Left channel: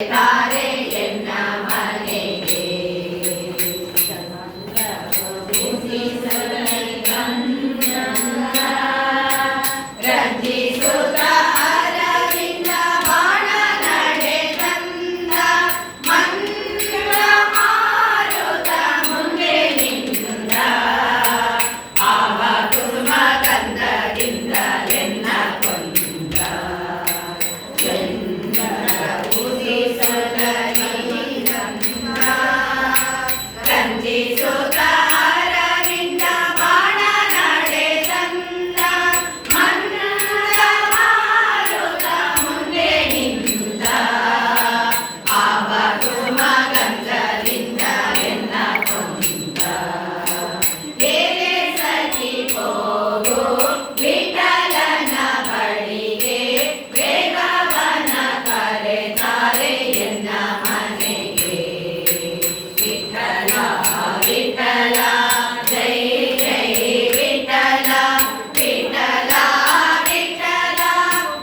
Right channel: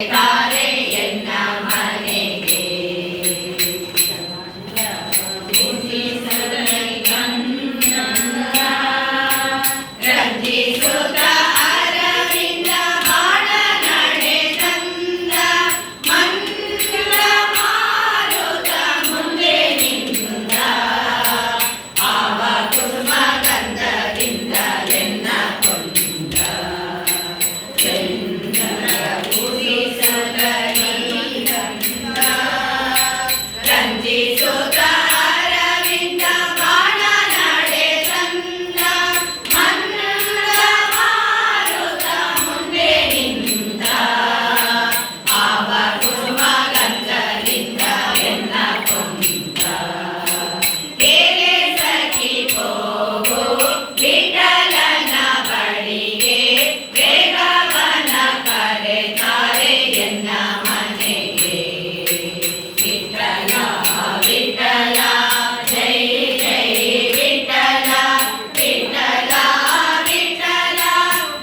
ತಾರೆ ಎನ್ನ ಮನೆಗೆ ರಂಜಿಸುತ್ತ ಅರವಿಂದ ಬಾಣ ನಡೆದಂದ ಮಂಗಳ ಮಾರುತ ಮುಂದೆ ನಿಂದ ಆವ ಕುಸುಮ ಗಂಧದಿಂದ ಎನ್ನ ಕೊಂದ ರಂಜಿಸುತ್ತ ಅರವಿಂದ ಬಾಣ ನಡೆದಂದ ಮಂಗಳ ಮಾರುತ ಮುಂದೆ ನಿಂದ ಆವ ಕುಸುಮ ಗಂಧದಿಂದ ಎನ್ನ ಕೊಂದ ಬೇರೆ ಸಖಿ ಹೋಗು ವಿಠಲನ ಬಳಿಗೆ ಬೇಗವನ ಕರೆತಾರೆ ಎನ್ನ ಮನೆಗೆ ವಿಠಲ ವಿಠಲ ಜೈ ಜೈ ವಿಠಲ ವಿಠಲ ವಿಠಲ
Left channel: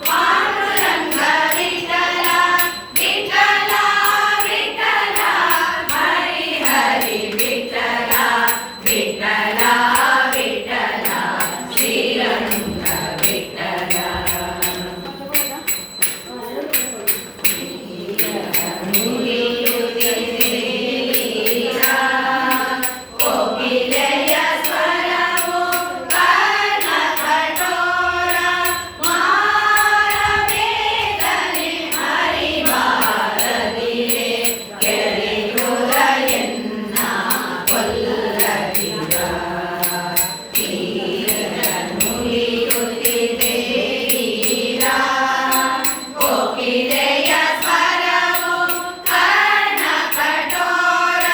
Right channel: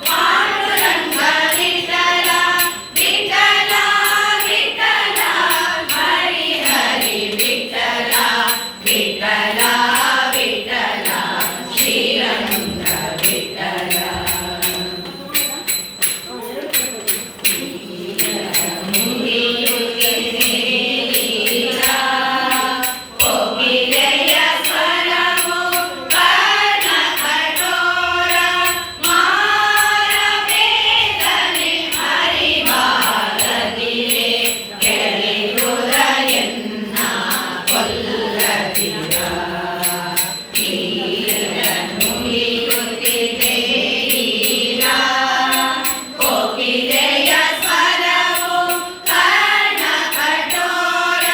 ಪಾಂಡುರಂಗ ವಿಠಲ ವಿಠಲ ವಿಠಲ ಹರಿ ಹರಿ ವಿಠಲ ವಿಠಲ ವಿಠಲ ಶ್ರೀರಂಗ ವಿಠಲ ಕೋಗಿಲೆಯ ಸ್ವರವು ಕರ್ಣ ಕಠೋರ ಮಾರಬೇಗನೆ ಹರಿಬಾರದಿರೆ ಕೆರೆಯುರ ಎನ್ನ ಕೊಲ್ಲದಿರ ಮುಗಿಯುತ್ತಿದೆ ಈರ ಕೋಗಿಲೆಯ ಸ್ವರವು ಕರ್ಣ ಕಠೋರ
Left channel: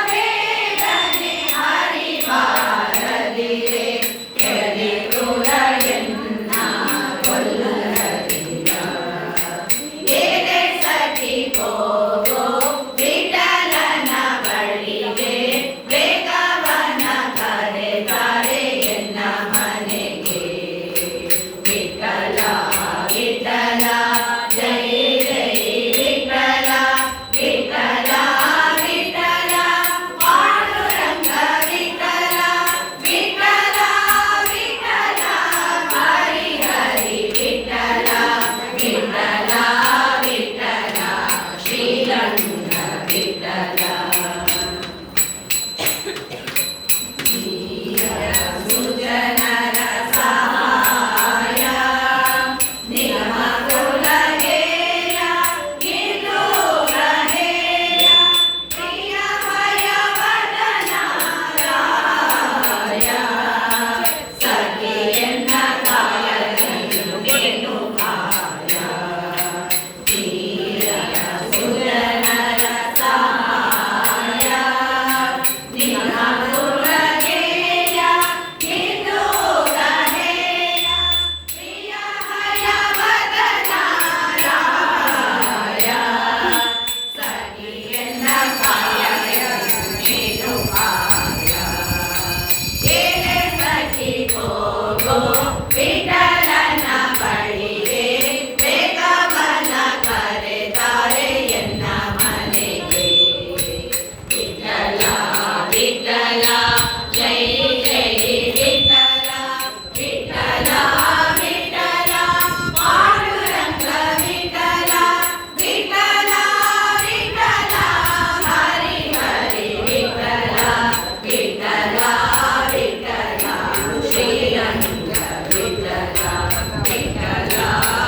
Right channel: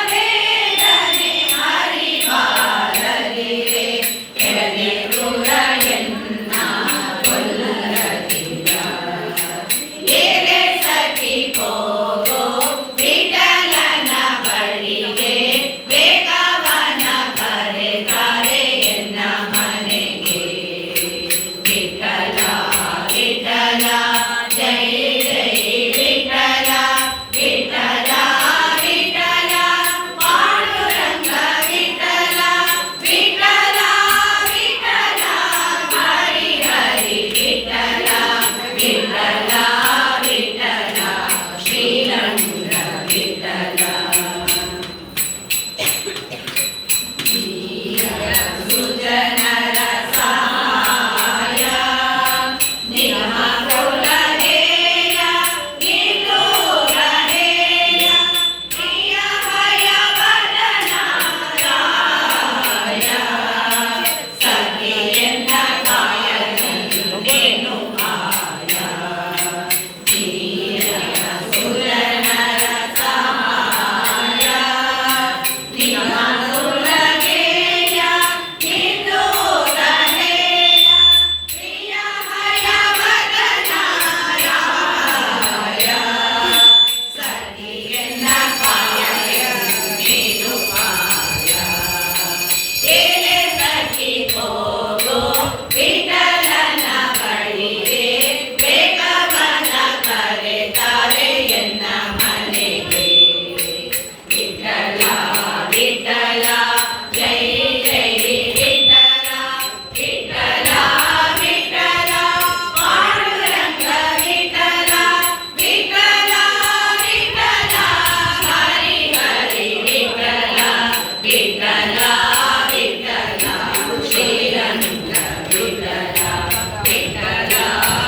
ಮಾರಬೇಗನೆ ಹರಿಬಾರದಿರೆ ಕೆರೆಯುರ ಎನ್ನ ಕೊಲ್ಲದಿರ ಏರೆ ಸಖಿ ಹೋಗೋ ವಿಠಲನ ಬಳಿಗೆ ಬೇಗವನ ಕರೆತಾರೆ ಎನ್ನ ಮನೆಗೆ ವಿಠಲ ವಿಠಲ ಜೈ ಜೈ ವಿಠಲ ವಿಠಲ ವಿಠಲ ಪಾಂಡುರಂಗ ವಿಠಲ ವಿಠಲ ವಿಠಲ ಹರಿ ಹರಿ ವಿಠಲ ವಿಠಲ ವಿಠಲ ಶ್ರೀರಂಗ ವಿಠಲ ಸುಜನರ ಸಹಾಯ ನಿಗಮ ಕುಲಹೇಯ ನಿಲೋಗಹೇಯ ಪ್ರಿಯ ಭಯವದನ ರಾಯ ಸಖಿಯನ್ನ ಕಾಯನು ಆಯ ಸುರನರ ಸಹಾಯ ನಿಗಮ ಕುಲಹೇಯ ನಿಲೋಗಹೇಯ ಪ್ರಿಯ ಭಯವದನ ರಾಯ ಸಖಿಯನ್ನ ಕಾಯನು ಆಯ ಏನೆ ಸಖಿ ಹೋಗೋ ವಿಠಲನ ಬಳಿಗೆ ಬೇಗವನ ಕರೆತಾರೆ ಎನ್ನ ಮನೆಗೆ ವಿಠಲ ವಿಠಲ ಜೈ ಜೈ ವಿಠಲ ವಿಠಲ ವಿಠಲ ಪಾಂಡುರಂಗ ವಿಠಲ ವಿಠಲ ವಿಠಲ ಹರಿ ಹರಿ ವಿಠಲ ವಿಠಲ ವಿಠಲ ಶ್ರೀರಂಗ ವಿಠಲ ವಿಠಲ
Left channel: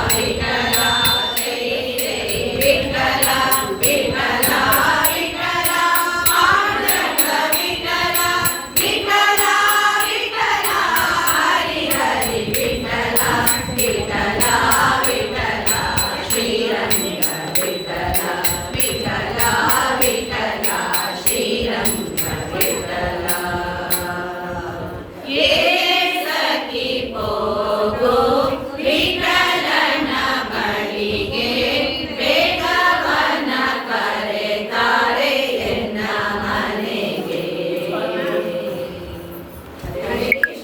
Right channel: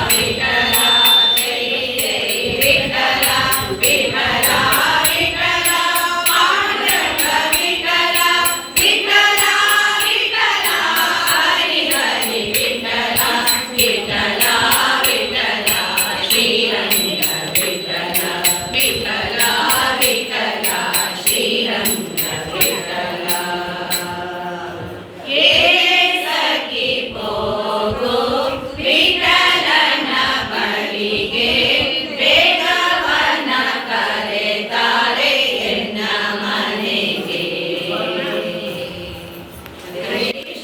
ವಿಠಲ ಜೈ ಜೈ ವಿಠಲ ವಿಠಲ ವಿಠಲ ಪಾಂಡುರಂಗ ವಿಠಲ ವಿಠಲ ವಿಠಲ ಹರಿ ಹರಿ ವಿಠಲ ವಿಠಲ